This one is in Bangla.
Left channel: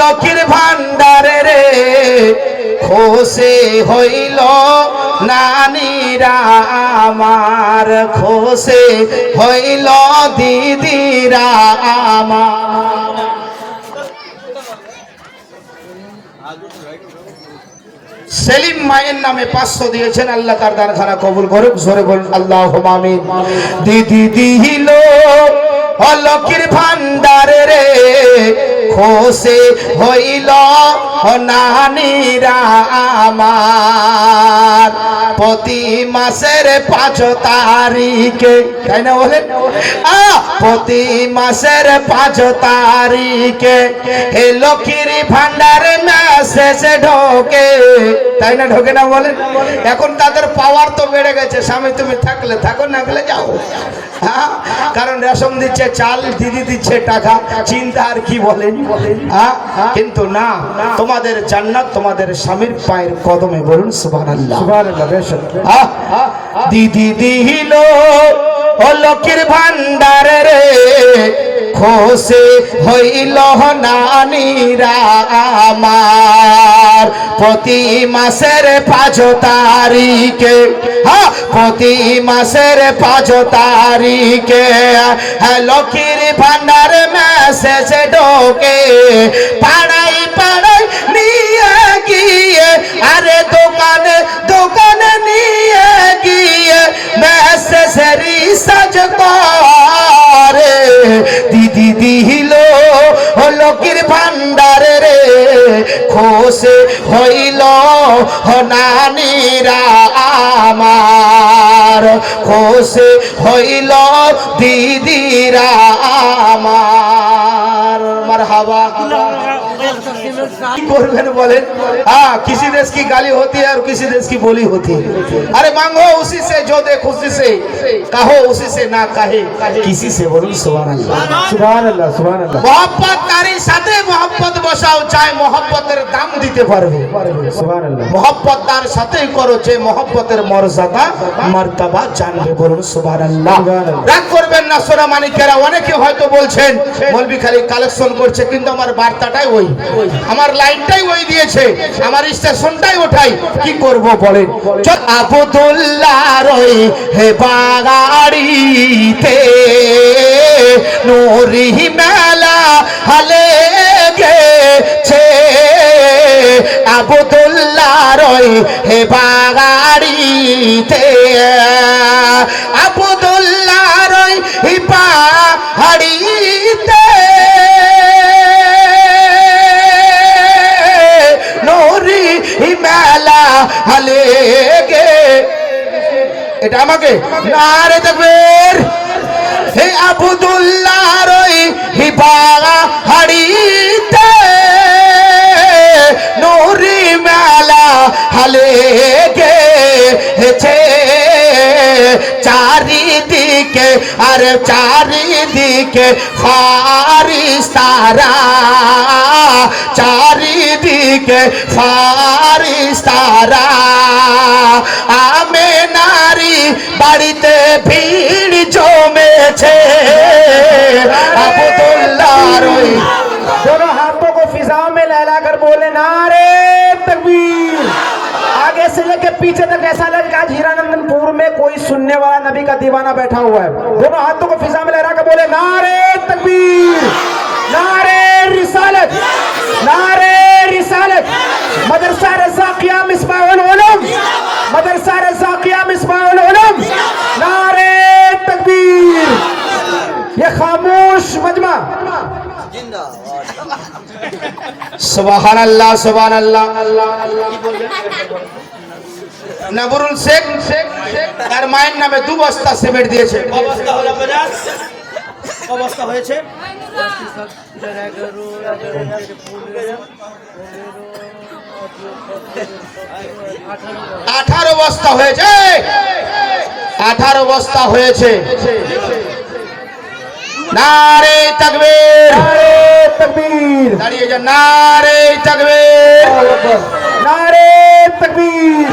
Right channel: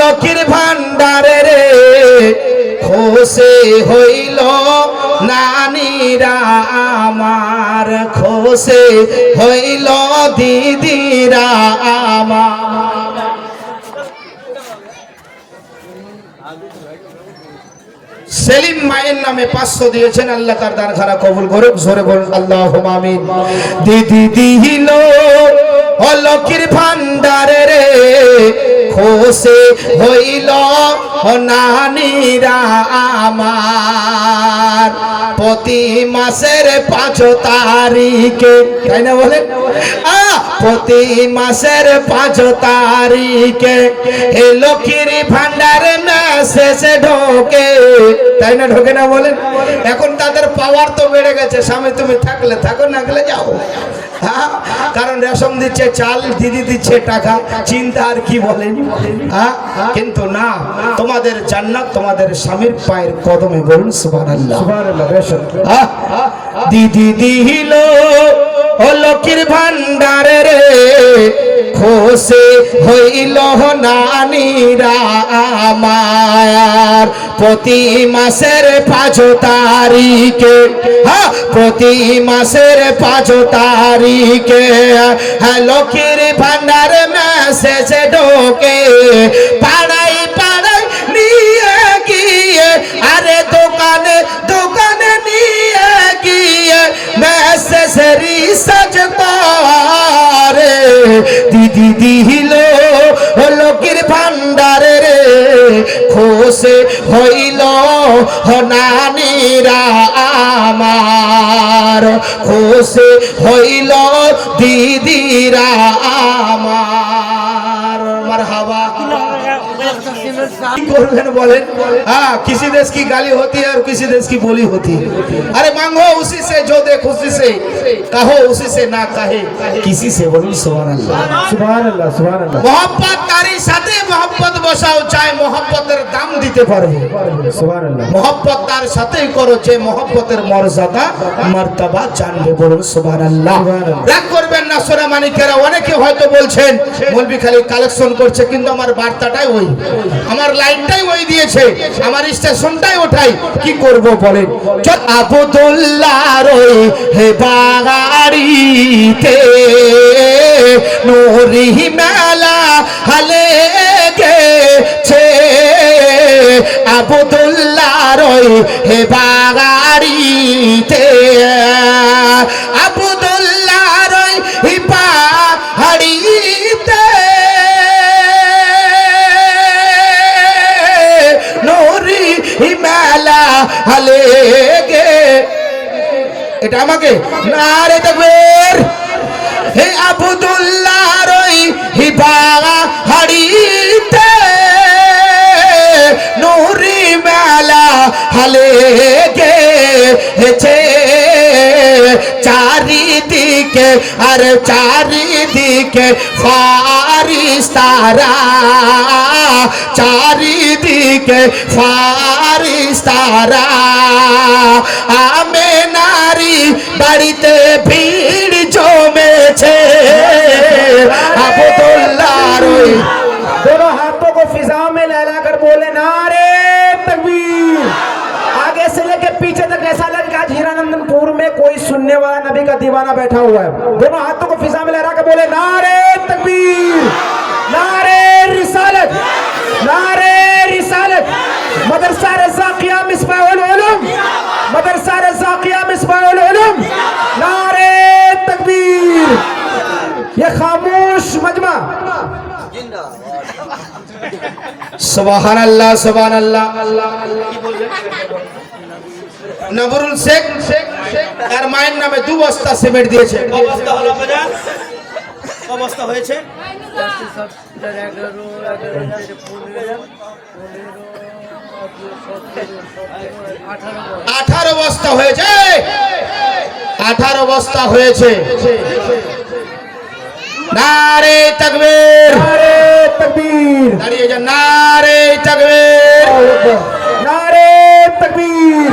লক্ষ্মীর ভান্ডারে রে খোসে হইল নানীরা আমার, খোসে হইল দিদিরা আমার। সেলিম মায়ের নামে 500 দিয়েছেন, আল্লাহ তার দানখানা কবুল করুক, জোরে বলুন আল্লাহুম্মা আমিন। দিদি দিল লক্ষ্মীর ভান্ডারে রে খোসে হইল নানীরা আমার, প্রতি মাসের 5 তারিখে, তাই না বলেন? প্রতি মাসের 5 তারিখে এ লক্ষ্মীর ভান্ডারে মেসেজ ঢোকে, তাই না? ঢোকে না বলেন? এখন তাদের পাওয়ার তো বেড়ে গেছে, স্বামী তুমি থাকলে থাকো, না গেলে যাও। কারণ রেশন দিচ্ছে, চাল, দিদি দিচ্ছে টাকা, চিন্তা আর কি বলেন? কিন্তু না, তোমাদের জান্নাত তোমাদের স্বামীর পায়ের কদমে, বলুন সুবহানাল্লাহ। দিদি দিল লক্ষ্মীর ভান্ডারে রে খোসে হইল নানীরা আমার, প্রতি মাসের 5 তারিখে, প্রতি মাসের 5 তারিখে লক্ষ্মীর ভান্ডারে মেসেজ ঢোকে, পাড়াই পাড়াই নিয়ে গিয়ে, আরে দোকানে দোকানে নিয়ে গিয়ে মেসেজ রিসার্চ করে। দিদি দিল লক্ষ্মীর ভান্ডারে রে খোসে হইল নানীরা আমার, খোসে হইল দিদিরা আমার। মারহাবা। করবেন বলেন? किसी देश की गाली होती है और किसी देश की बोली होती है। अरे मांगो उसी से जो दे खुशी से, कहो उसी से ना कहे किसी से, बोलूं सुभान अल्लाह। सुभान अल्लाह, सुभान अल्लाह। मोहब्बत तारी साथे मोहब्बत बसाओ, चाहे मोहब्बतेर दाम दिते पारबे, सुभान अल्लाह। मोहब्बत तार साथेई करो जे मोहब्बतेर मर्यादा मर्तबा जानबे, बोलूं सुभान अल्लाह। রাগ করবেন না সোনা মানিকেরা, অনেকে হয়তো বলছেন মৌলভী খালি কালেকশন করছে, কিন্তু আমার বার্তাটাই ওই, আমার লাইনটাই ওই দিয়েছে, আমার স্টেশনটাই ওঠাই, কি করব বলেন? আবদুল্লাহর ওই হে বাগাড়িতে নূরি মেলা হালে গেছে, আবদুল্লাহর ওই হে বাগাড়িতে, আবদুল্লাহর ওই হে বাগাড়িতে মেলা হালে গে, এটা আমাকে নারে তাকবীর। হে আবদুল্লাহর ওই হিবাগা হাড়িতে নূরি মেলা হালে গেছে, চারিদিকে আর চারিদিকে ফারিস্তারা, চারিদিকে ফারিস্তারা, আমেনারি বাড়িতে ভিড় জমেছে, আবদুল্লাহর ওই। दोनों हाथों को फिजाओं में लहराकर बोले नारे तकबीर। आगे से लेके पीछे तक ऐसा लगे आज हीरानंदनपुर में कोई सुनने वाला नबी का दीवाना बैठा हुआ है। दोनों हाथों को फिजा में लहराकर बोले नारे तकबीर, नारे रिसालत, नारे रिसालत। मदरसा रज़ाकिया मिसबाहुल उलूम, मदरसा रज़ाकिया मिसबाहुल उलूम, नारे तकबीर। ये खामोश मजमा, सुभान अल्लाह, सुभान अल्लाह। नबरुल शेख তার মায়ের নামে 2 বস্তা সিমেন্ট দিয়েছে। অবস্থা হলো বাজার, অবস্থা হয়েছে 18 বস্তা হয়েছে, 18 বস্তা হয়েছে। নারে তাকবীর, तकबीर, दाঁড়িয়ে যান, नारे तकबीर, नारे तकबीर।